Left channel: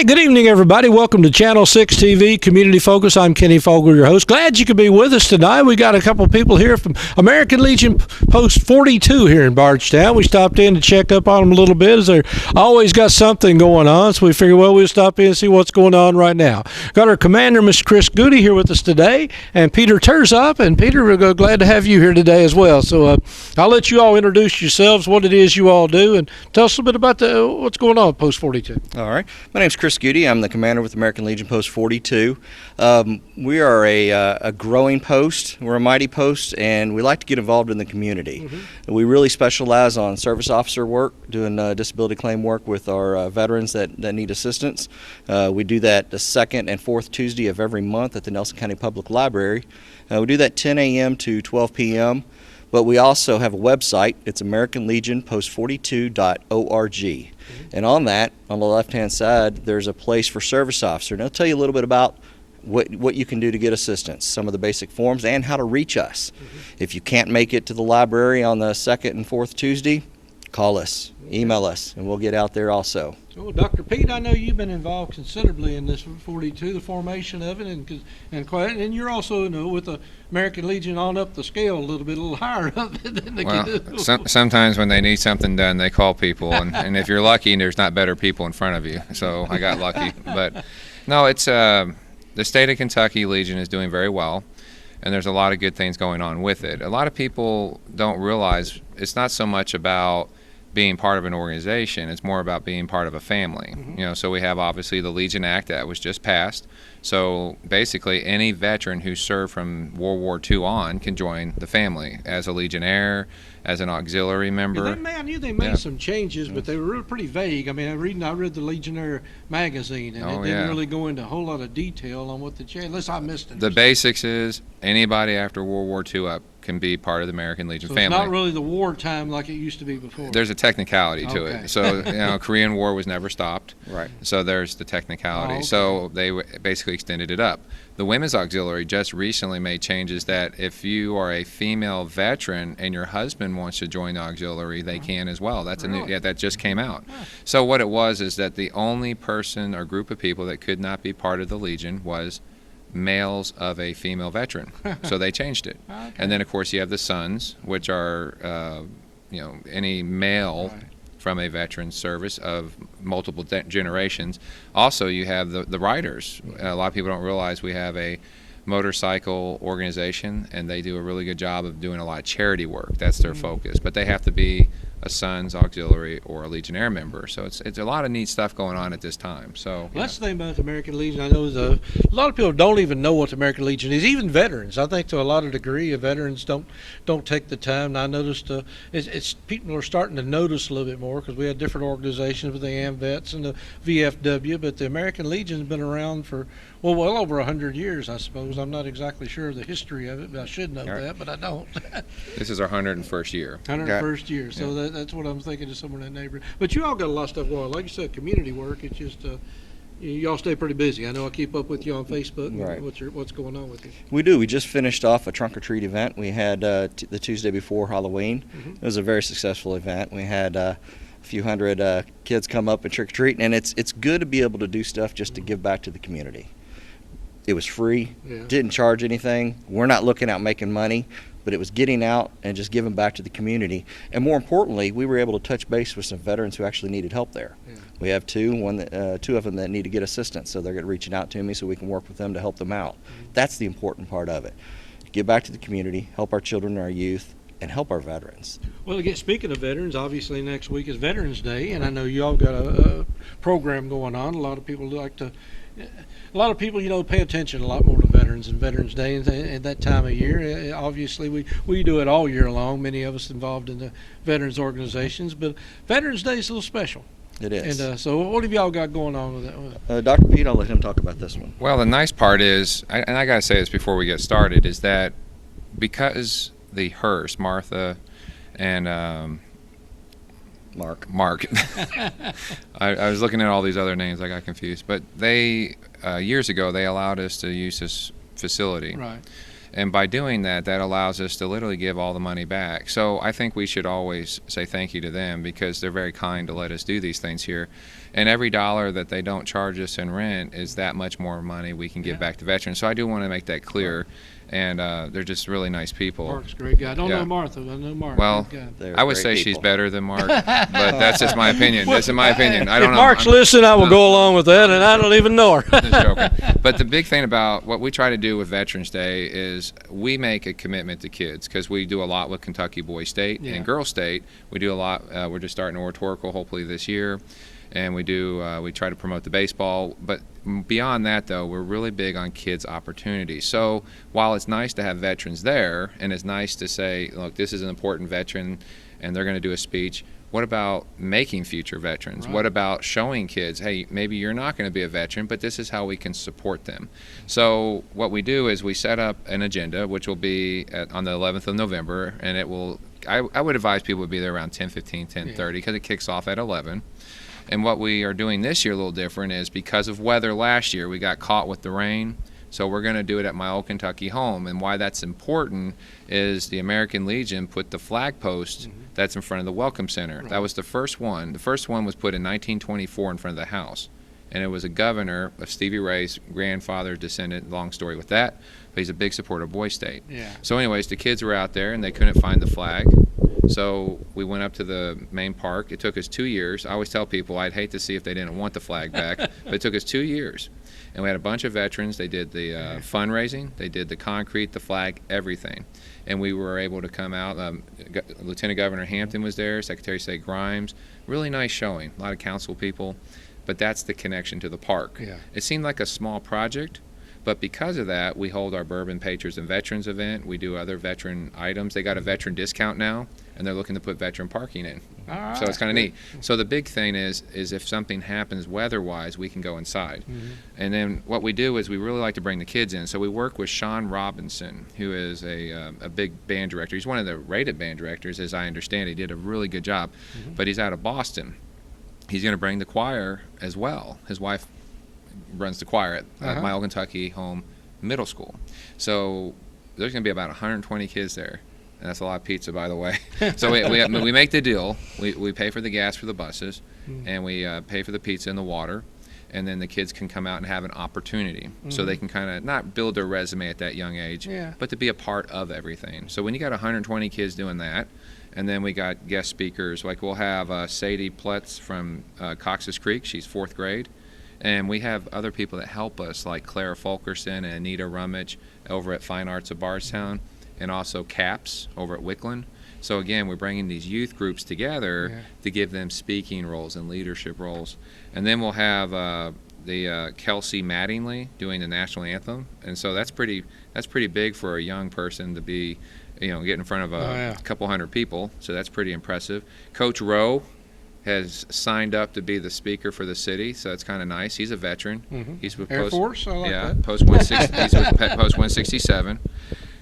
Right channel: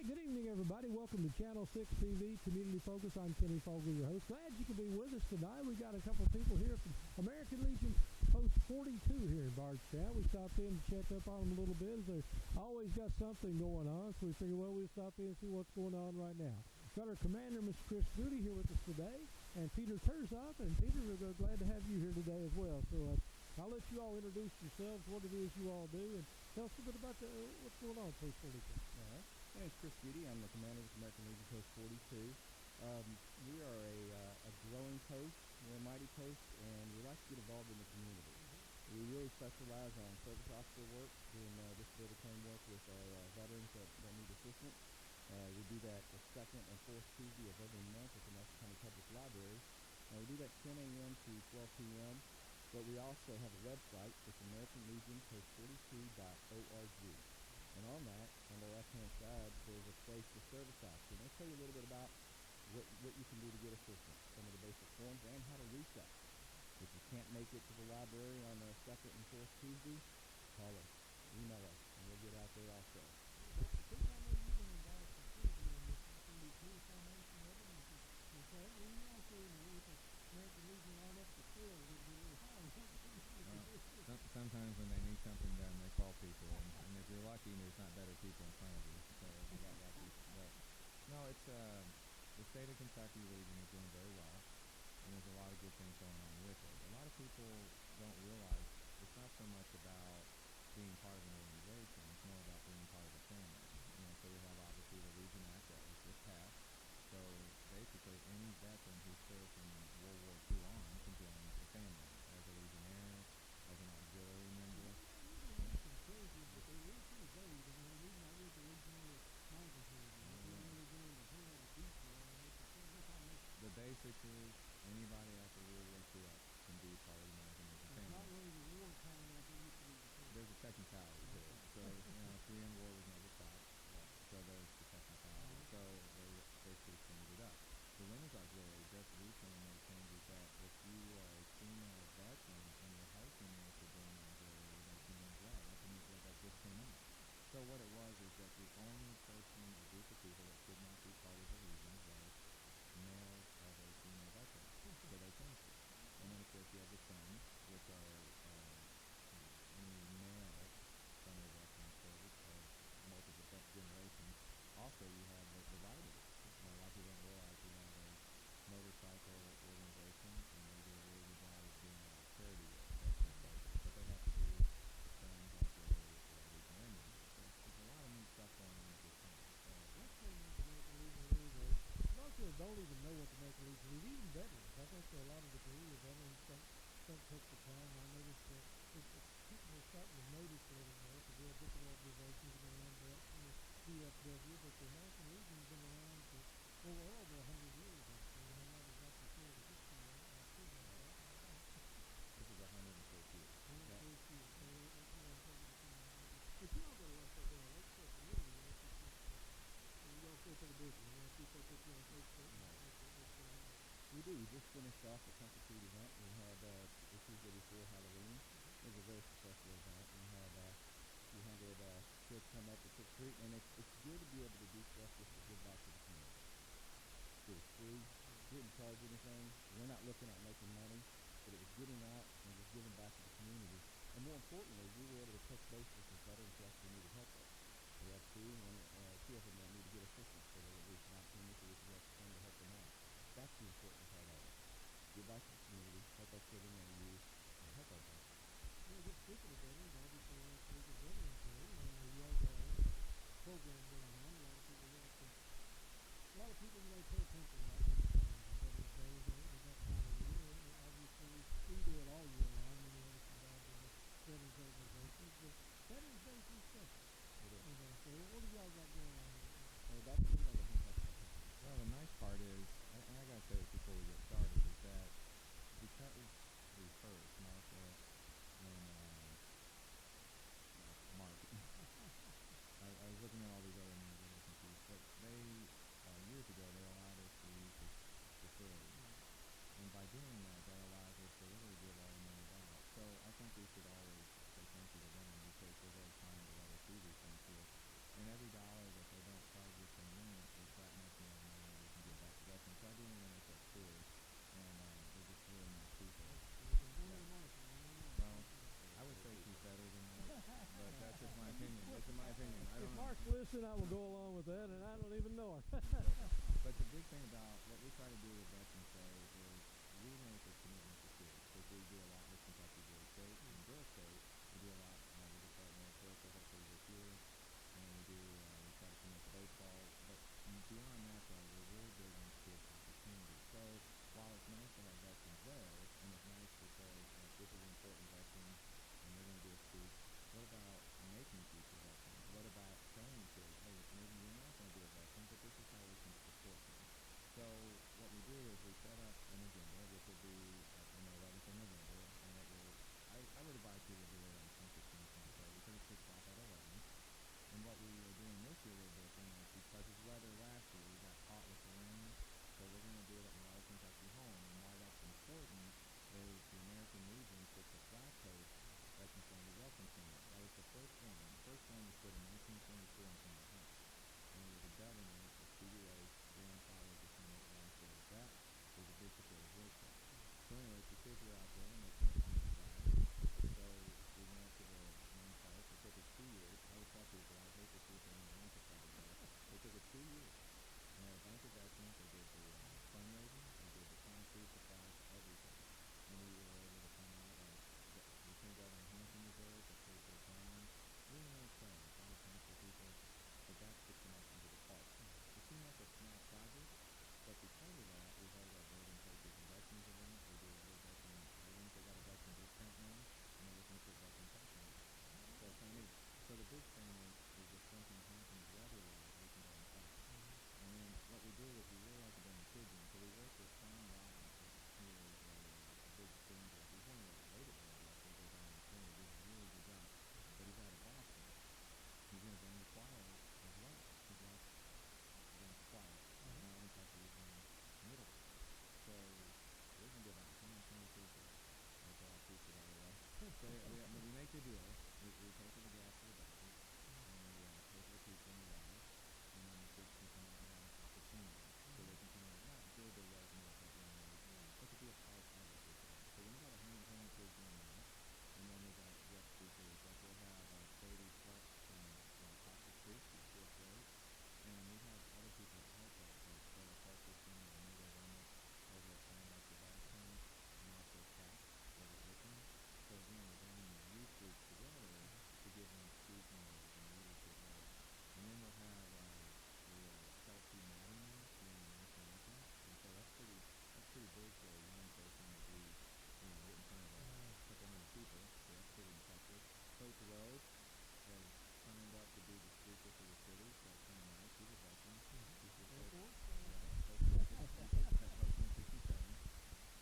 Hey, good evening, everybody. Welcome to Channel 6 TV, Community Focus. I'm Kenny Fogel, your host. Glad you could be with us tonight. We got a couple people here from American Legion Post 42 here in Bardstown. We stopped in to check up on them a little bit, as they're always got something going on, so we figured, well, we'll stop in and see what's going on right now. Got our commander, Miss Chris Goody, here with us today, and Peter Terzop. And Peter, we're glad to have you here today as well. So I'll let you all introduce yourselves, what it is you all do, and tell us a little bit about what's going on at Post 42. All right. My name's Chris Goody. I'm the commander with American Legion Post 42. We are a growing post. We're a mighty post, and we like to get involved in the community. We really specialize on service officer work, doing disability claim work with our veterans that need assistance. We do that the second and fourth Tuesday of every month at the Nelson County Public Library. We do that 10 a.m. to 12 p.m. But we also have a website. It's AmericanLegionPost42.org. And on that, on the left-hand side, there's a place for service officer. And I'll tell you a little bit about what you can do to get assistance, some of the basic forms, and how to reach us. If you can't make it to the library on the second and fourth Tuesday, call us, email us, and we'll get out there also. So, Dr. Pete, I know you've been involved considerably in this 42, the formation of it, and you're also, with the American Legion on up the scale a little higher up than they can do. Sometimes when they need something done, they call people, and if you're lucky, there's not better people in front of you. So I got lucky. But no, it's the state of Kentucky Legion is doing very well, and there's a lot of good things going on with it. A lot of people don't realize it's not so much about being part of an organization, it's more about being part of a family. So we have obviously the Legion Act that was just passed. So basically any veteran who served from World War II on can join the family as a Legionnaire, as an auxiliary member. I knew they made some changes, but they were pretty vague. I mean, I read the Legionnaire magazine, and it didn't really go into a whole lot of detail on what the change, unless I missed it. The basics is anybody after World War II up can be part of the American Legion family. It's not really the wartime like it used to be before. There's a technicality to it. So, Korean War was never stopped. Right. So there's the technicality. So they basically extended it up. The Women's Auxiliary just recently made changes that if you are a female veteran and your husband wants to join the auxiliary, they can as well. That's that just came out. So what it was is that the only person or group of people that could not be part of the Legion was males of a female veteran. So they changed it. And then of course you have the sons, which are any male from a veteran service of multiple generations. Also, you have the riders. A lot of people don't realize we have a motorcycle organization, and they do a really good job of doing a lot of charity work. That's their focus. But they have to be a Sons Auxiliary or a Legionnaire member. So it's a lot of neat stuff going on at this time. So that's the thing about the American Legion. I know a lot of people don't even know what the American Legion is, even veterans. I think to a lot of degree, veterans don't take the time. And I noticed it's people are starting to notice a little bit more, because we had different organizations with the AMVETS and the VFW, but the American Legion has been around for well over 100 years, I suppose. I'm not exactly sure of the history of it, but I should know that, but I don't. This is our 101st year. 101st year, so that's what I'm thinking of, somewhere in that neighborhood. But you all got a lot of stuff going on. Like you said, community work, it's just, y'all stay pretty busy. I know I keep up with you on Facebook. Right. What's going on with you? We do. We just finished off a trunk or treat event. We had the Tuesday before Halloween. It was a very successful event. We had a few hundred kids come up and trick or treat, and it's good to be able to do stuff just to give back to the community. It was free, didn't charge anything. We're not looking out making money, but it was getting out and just giving back to the community. And more importantly, we were able to touch base with some veterans who actually needed help there. We have two of them that need to get assistance, so they're reaching out to me so we can work with them to help them out. That's the important part of it. Give back to the community, help our children and our youth, and help our veterans. Well, again, speaking of veterans, obviously next week is Veterans Day, and I know you all got a program going on. A lot of people pay attention a lot more to veterans and Veterans Day and that time of year. Obviously, we do it all year long, many of us involved in the veterans organizations, but Veterans Day is a little special. It is. And so what have y'all got going on with that? Dr. Pete, I'll let him talk about this one. Well, the nice part is, and I got to say this before we get started, is that because the Hearst, Martha, and Mark. I was looking at all these other names, I got confused. But they, years ago, they allowed us to use this facility. Right. And by doing that, that allows us to literally give all the money back. So I think we should always say thank you to them, because they're very kind to let us do these things here. And every dollar that they don't charge us in rent is that much more money we can give back to veterans. So I do want to make that clear. And they're just really nice people. Mark's a great guy. I don't Yeah. know Martha. I know Mark. Well, Good guy. They're I would great say she's people. better than Mark, but that's just my opinion. That's in my opinion. I don't If know. Mark's I'm listening, I will go along with that, and I don't even know her. just joking. But the big thing about what we try to do with Veterans Day is we make a commitment to kids, because we do a lot with Kentucky Boys State Yeah. and Girls State. We do a lot. We're just starting oratorical hopefully this year. And we try to promote the baseball. But beyond that, though, we're really big on kids' opportunities. So while it's nice to have veterans there, and it's nice to say, look, this is an important veteran, and they're going to do a speech, what about making future veterans? Right. What about showing kids, hey, maybe you're not going to be a veteran, but this is how we can support them? So what we do is we set up an agenda, which will be on the 11th of November, and it will, I would advise people to be there around 10:15, 10:30, because it kicks off at 11. And what we are doing this year a little different is because of weather last year, we got caught with the rain. So we're going to do it at my old Kentucky home. And why that's important is the American Legion put the flag post that's in front of the Welcome Center. That was the first one. The first one was put in 1924 in front of the house. And it was a governor of Stevie Ray's grandfather, descendant, long story with that. But he's a big supporter of Boys State. Yeah. So anyways, the kids were out there and they couldn't find the flag. So we went up to the main park. It took us 2 years. I always tell people I'd hate to see if they didn't want the flag back, but it took us 2 years. And we had a bunch of veterans. They did the fundraising. They did the concrete, the flag, everything. And we were able to come out. Lieutenant Governor Hampton was there, Secretary of State Grimes. Really nice showing. A lot of council people. But that's the connection to the park. Yeah. It seemed like a small project, but because of that, we hold our Bourbon Patriots and Veterans event. We do other veteran items. They got a veteran discount now, and they're looking to put veteran parking in. All right. So it's kind of neat. So the big thing is if something happens weather-wise, we can go inside. And then what we do is we really like to bring the kids in. So we work with Sean Robinson, who is a big band director. He's one of the rated band directors, as I understand. He did a really good job, but he's out of Boston. He's going to bring the choir as well. His wife runs the choir at my old Kentucky home middle school. So there's going to be about 120 kids there. And that's a lot of pizza, by the way. So we make the deal. We pay for the gas for the buses, and we pay for the pizza and the water. And then the kids can come out and have an opportunity. So they can kind of not build their resume at that young age, but to be a part of everything. So when you got 120 kids doing that, and then we got guest speakers, like we'll have Sadie Pletz from Cox's Creek. She's 4th grade. And we have other people that help us, like Clara Fulkerson and Anita Rummage over at Fine Arts of Bardstown, and also CAPS over at Wickland. So again, we're bringing these youth groups together to give them speaking roles and leadership roles. And then we'll have the Kelsey Mattingly doing the national anthem. And so that's pretty big for a young person to be, get in front of a couple hundred people. So that's pretty impressive. Coach Rowe has signed up to be the speaker for the city, so it's kind of nice. He's a veteran. He's with Air Force, I like that. Post 160. He's with Post 167.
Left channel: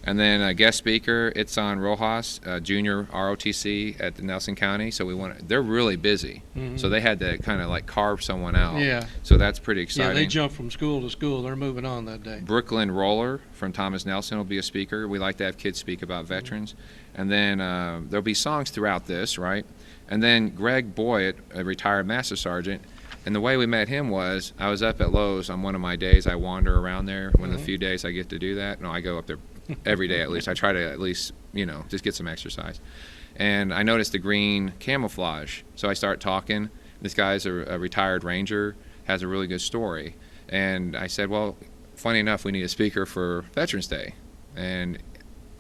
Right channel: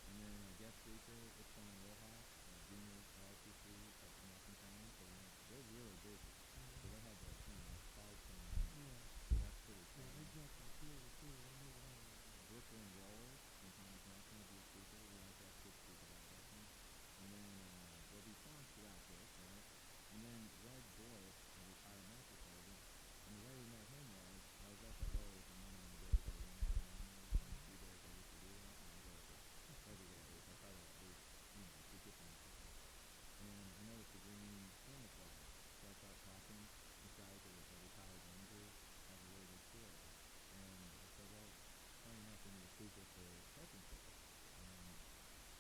And then a guest speaker, Itzan Rojas, junior ROTC at the Nelson County. So they're really busy. So they had to kind of like carve someone out. Yeah. So that's pretty exciting. Yeah, they jump from school to school. They're moving on that day. Brooklyn Roller from Thomas Nelson will be a speaker. We like to have kids speak about veterans. And then there'll be songs throughout this, right? And then Greg Boyd, a retired Master Sergeant, and the way we met him was I was up at Lowe's on one of my days. I wander around there. One of the few days I get to do that. No, I go up there every day at least. I try to at least, just get some exercise. And I noticed the green camouflage. So I start talking. This guy's a retired Ranger, has a really good story. And I said, well, funny enough, we need a speaker for Veterans Day. And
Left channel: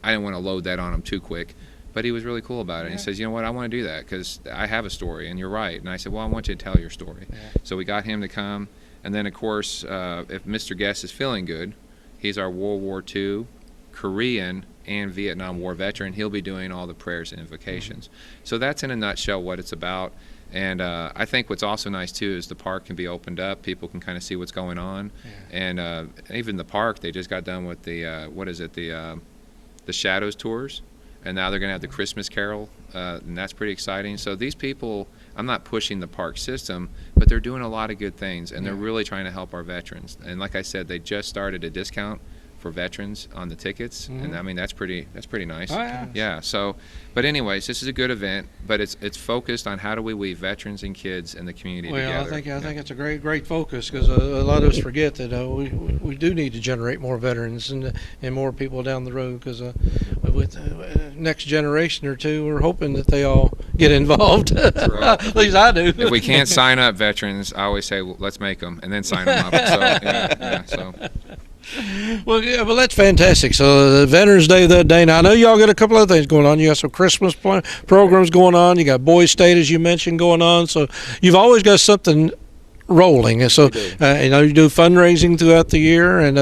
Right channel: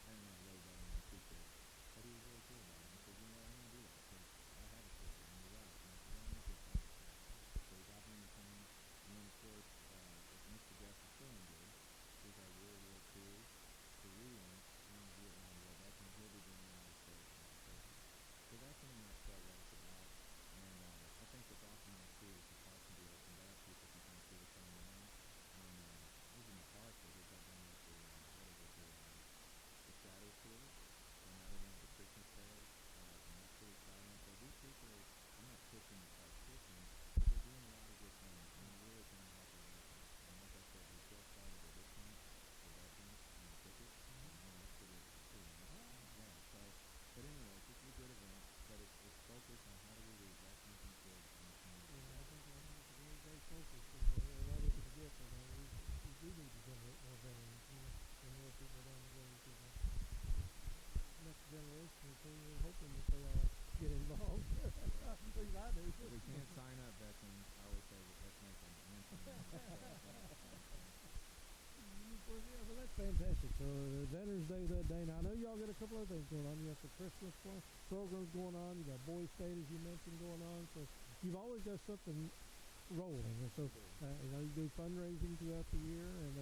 I didn't want to load that on him too quick. But he was really cool about it. He says, you know what, I want to do that because I have a story, and you're right. And I said, well, I want you to tell your story. So we got him to come. And then, of course, if Mr. Guest is feeling good, he's our World War II, Korean, and Vietnam War veteran. He'll be doing all the prayers and invocations. So that's in a nutshell what it's about. And I think what's also nice, too, is the park can be opened up. People can kind of see what's going on. And even the park, they just got done with the, the Shadows tours. And now they're going to have the Christmas Carol, and that's pretty exciting. So these people, I'm not pushing the park system, but they're doing a lot of good things, and they're really trying to help our veterans. And like I said, they just started a discount for veterans on the tickets, and I mean that's pretty nice. Oh, yeah. Yeah. So, but anyways, this is a good event, but it's focused on how do we weave veterans and kids and the community Well, together. I think it's a great focus, because a lot of us forget that we do need to generate more veterans and more people down the road, because with next generation or two, we're hoping that they all get involved. At least I do. If we can't sign up veterans, I always say, well, let's make them and then sign them up. So, so. Well, yeah, well, that's fantastic. So the Veterans Day that day. Now I know y'all got a couple other things going on. You got some Christmas programs going on. You got Boys State, as you mentioned, going on. So you've always got something rolling. And so you know, you do fundraising throughout the year, and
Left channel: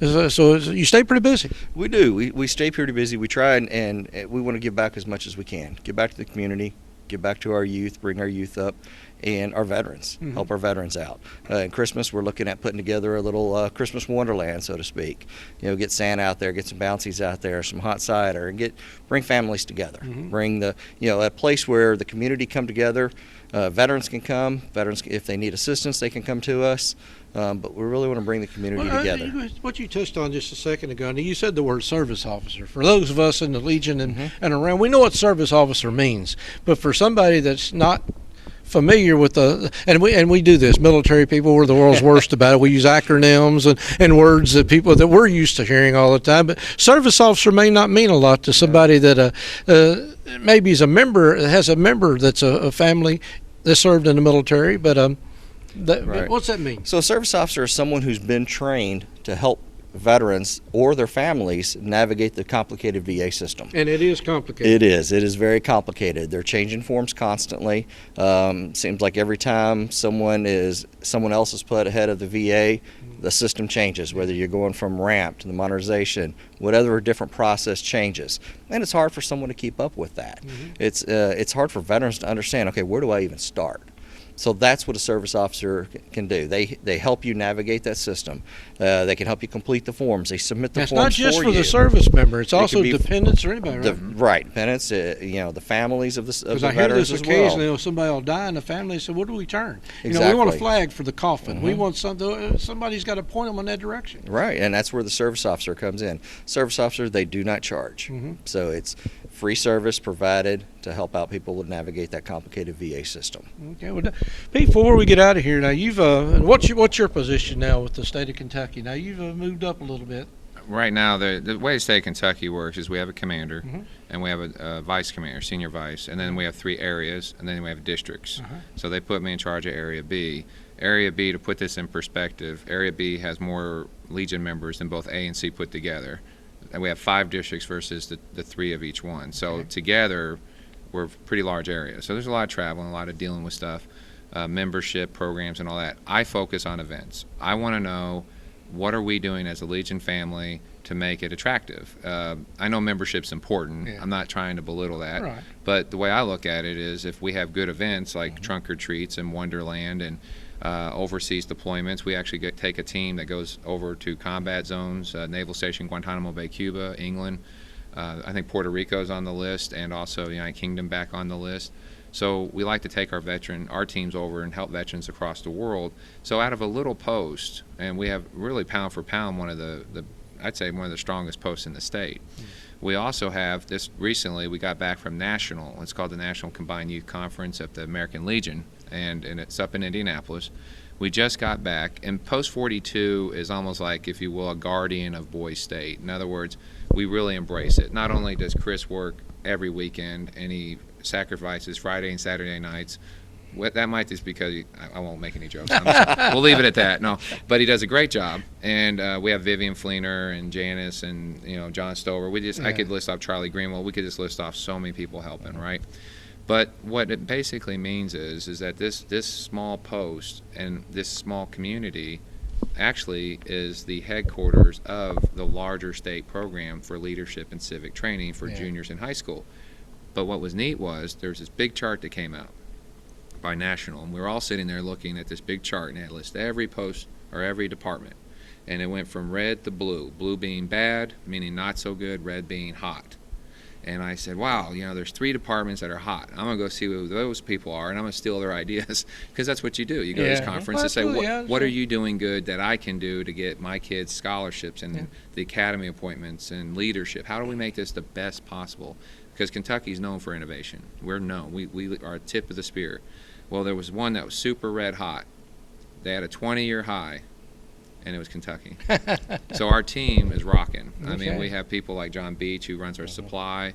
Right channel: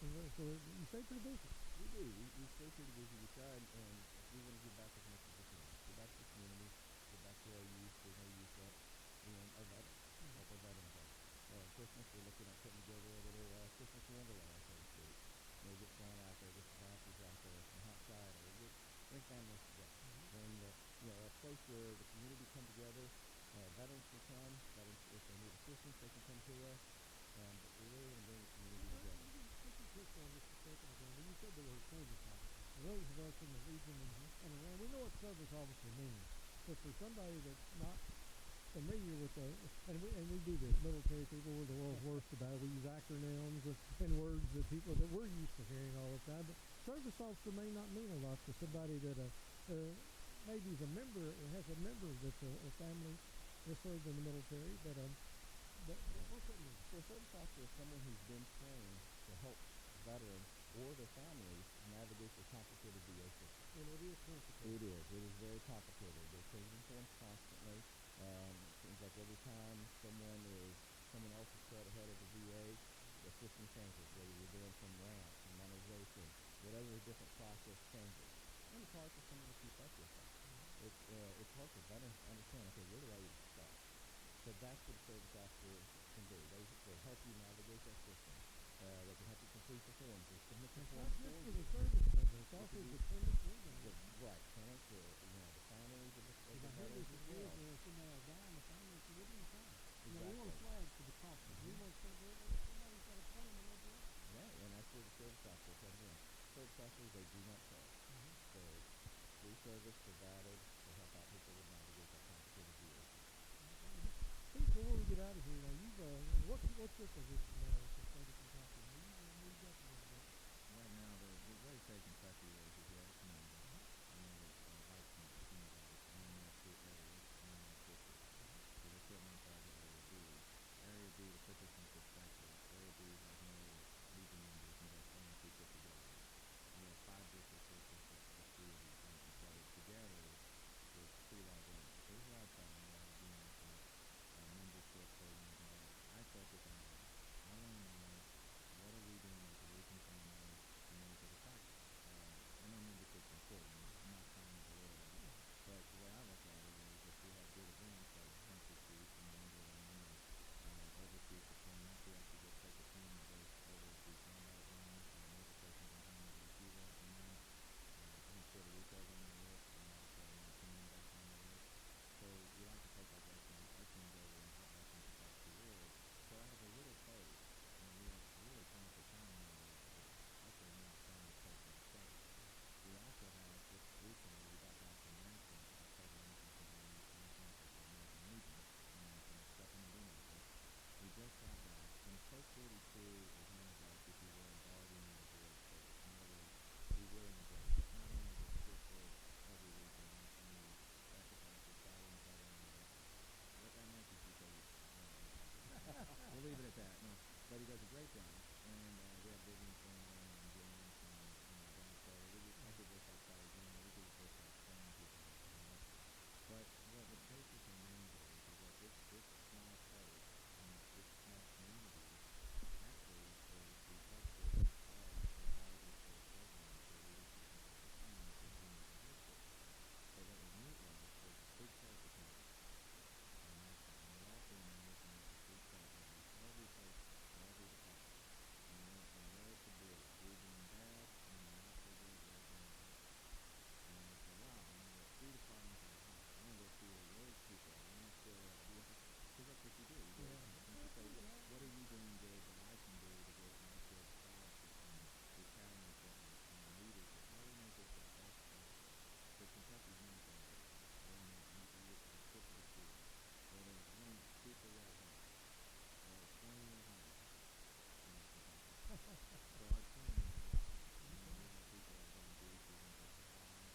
so you stay pretty busy. We do. We stay pretty busy. We try and we want to give back as much as we can. Give back to the community. Give back to our youth. Bring our youth up. And our veterans, help our veterans out. And Christmas, we're looking at putting together a little Christmas wonderland, so to speak. You know, get Santa out there, get some bouncies out there, some hot cider, and bring families together. Bring a place where the community come together. Veterans can come. Veterans, if they need assistance, they can come to us. But we really want to bring the community together. What you touched on just a second ago, and you said the word service officer. For those of us in the Legion and around, we know what service officer means. But for somebody that's not familiar with and we do this, military people, we're the world's worst about it. We use acronyms and words that people that we're used to hearing all the time. But service officer may not mean a lot to somebody that maybe is a member, has a member that's a family that served in the military. But Right. what's that mean? So a service officer is someone who's been trained to help veterans or their families navigate the complicated VA system. And it is complicated. It is very complicated. They're changing forms constantly. Seems like every time someone else is put ahead of the VA, the system changes, whether you're going from ramp to the modernization, whatever different process changes. And it's hard for someone to keep up with that. It's hard for veterans to understand, okay, where do I even start? So that's what a service officer can do. They help you navigate that system. They can help you complete the forms. They submit the That's forms not just for you. the service member. It's It also could be dependents or anybody, right? Right, dependents, the families of the Because I hear veterans this as well. occasionally, somebody will die in the family, so what do we turn? Exactly. You know, we want a flag for the coffin. We want somebody's got to point them in that direction. Right, and that's where the service officer comes in. Service officers, they do not charge. So it's free service provided to help out people to navigate that complicated VA system. Okay, well, Pete, before we get out of here, now you've what's your position now with the state of Kentucky? Now you've moved up a little bit. Right now, the way the state of Kentucky works is we have a commander, and we have a vice commander, senior vice, and then we have 3 areas, and then we have districts. So they put me in charge of Area B. Area B, to put this in perspective, Area B has more Legion members than both A and C put together. And we have 5 districts versus the 3 of each one. So together, we're a pretty large area. So there's a lot of traveling, a lot of dealing with stuff, membership programs and all that. I focus on events. I want to know, what are we doing as a Legion family to make it attractive? I know membership's important. I'm not trying to belittle that. Right. But the way I look at it is, if we have good events like trunk or treats and Wonderland and overseas deployments, we actually take a team that goes over to combat zones, Naval Station Guantanamo Bay, Cuba, England. I think Puerto Rico's on the list, and also the United Kingdom back on the list. So we like to take our teams over and help veterans across the world. So out of a little post, and we have really pound for pound I'd say one of the strongest posts in the state. We also have this recently, we got back from National. It's called the National Combined Youth Conference at the American Legion, and it's up in Indianapolis. We just got back, and Post 42 is almost like, if you will, a guardian of Boys State. In other words, we really embrace it. Not only does Chris work every weekend, and he sacrifices Friday and Saturday nights. That might just because I won't make any jokes. We'll leave it at that. No, but he does a great job, and we have Vivian Fleener and Janice and John Stover. I could list off Charlie Greenwell. We could just list off so many people helping, right? But what it basically means is that this small post and this small community actually is the headquarters of the larger state program for leadership and civic training for juniors in high school. But what was neat was there was this big chart that came out by National, and we were all sitting there looking at this big chart, and it listed every post or every department, and it went from red to blue, blue being bad, meaning not so good, red being hot. And I said, wow, there's 3 departments that are hot. I'm going to go see who those people are, and I'm going to steal their ideas, because that's what you do. You go to these conferences and say, what are you doing good that I can do to get my kids scholarships and the academy appointments and leadership? How do we make this the best possible? Because Kentucky's known for innovation. We're known. We are tip of the spear. Well, there was one that was super red hot. They had a 20-year high, and it was Kentucky. So our team is rocking. I mean, we have people like John Beach, who runs our supply.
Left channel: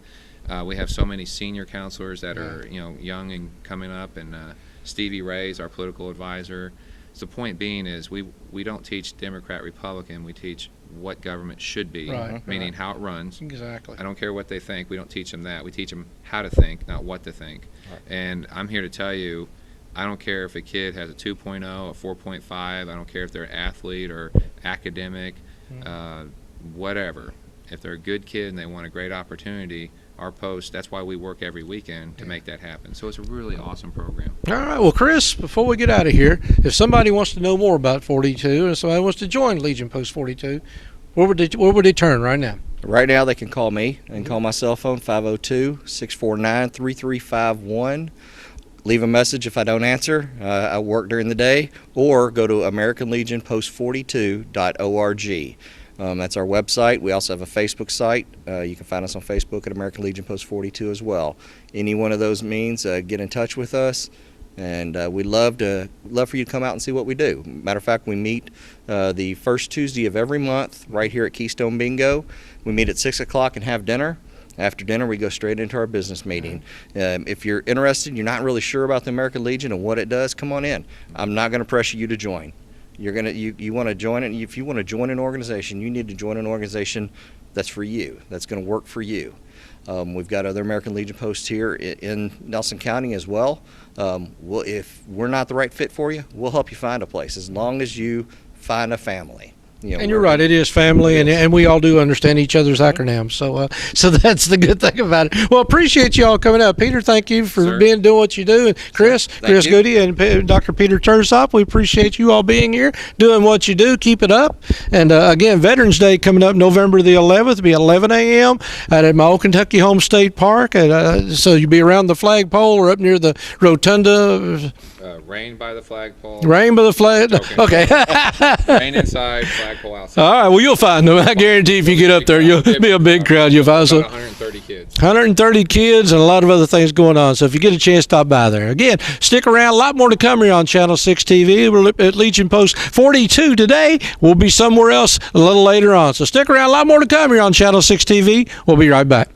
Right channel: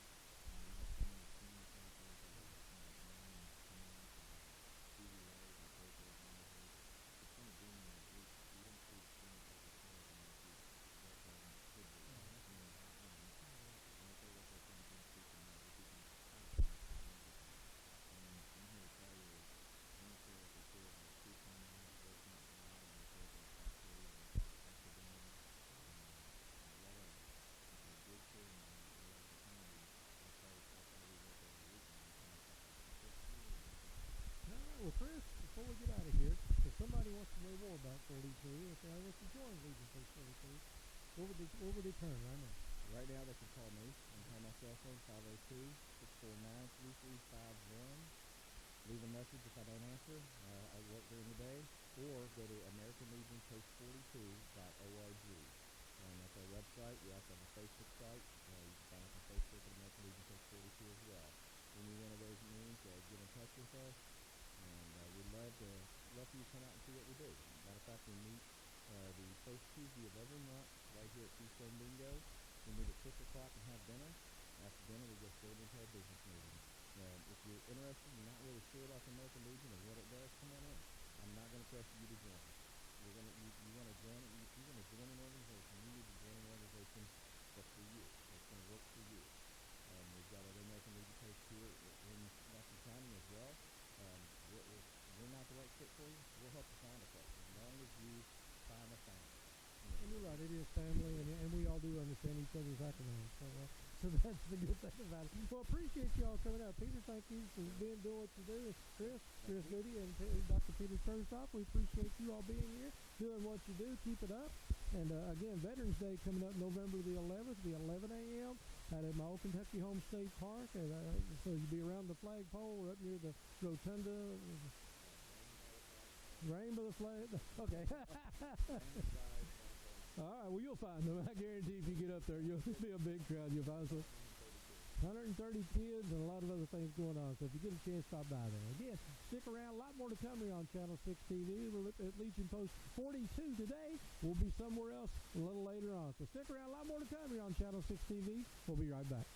We have so many senior counselors that are, young and coming up, and Stevie Ray's our political advisor. So the point being is we don't teach Democrat, Republican. We teach what government should be, meaning how it runs. Exactly. I don't care what they think. We don't teach them that. We teach them how to think, not what to think. And I'm here to tell you, I don't care if a kid has a 2.0, a 4.5. I don't care if they're an athlete or academic, whatever. If they're a good kid and they want a great opportunity, our post, that's why we work every weekend to make that happen. So it's a really awesome program. All right. Well, Chris, before we get out of here, if somebody wants to know more about 42 and somebody wants to join Legion Post 42, where would they turn right now? Right now, they can call me and call my cell phone, 502-649-3351. Leave a message if I don't answer. I work during the day, or go to AmericanLegionPost42.org. That's our website. We also have a Facebook site. You can find us on Facebook at American Legion Post 42 as well. Any one of those means, get in touch with us, and we'd love for you to come out and see what we do. Matter of fact, we meet the first Tuesday of every month right here at Keystone Bingo. We meet at 6 o'clock and have dinner. After dinner, we go straight into our business meeting. If you're interested, you're not really sure about the American Legion and what it does, come on in. I'm not going to pressure you to join. You want to join it. If you want to join an organization, you need to join an organization that's for you, that's going to work for you. We've got other American Legion posts here in Nelson County as well. If we're not the right fit for you, we'll help you find a place, as long as you find a family. And you're right, it is family, and we all do understand each other's acronyms. So that's the good thing about it. Well, appreciate you all coming out. Peter, thank you for doing what you do. And Chris Goody and Dr. Peter Tursop, we appreciate you all being here, doing what you do. Keep it up. And again, Veterans Day coming up November the 11th. It'll be 11 a.m. at my old Kentucky Home State Park. So you'll be around the flagpole or up near the rotunda. Rain by the flagpole. Rain by the flag. Okay. Rain inside, flagpole outside. All right. Well, you'll find them. I guarantee if you get up there, you'll be a big crowd. You'll find about 130 kids. 130 kids and a lot of other things going on. So if you get a chance, stop by there. Again, stick around. A lot more to come here on Channel 6 TV. We're at Legion Post 42 today. We'll be somewhere else a little later on. So stick around. A lot more to come here on Channel 6 TV. We'll be right back.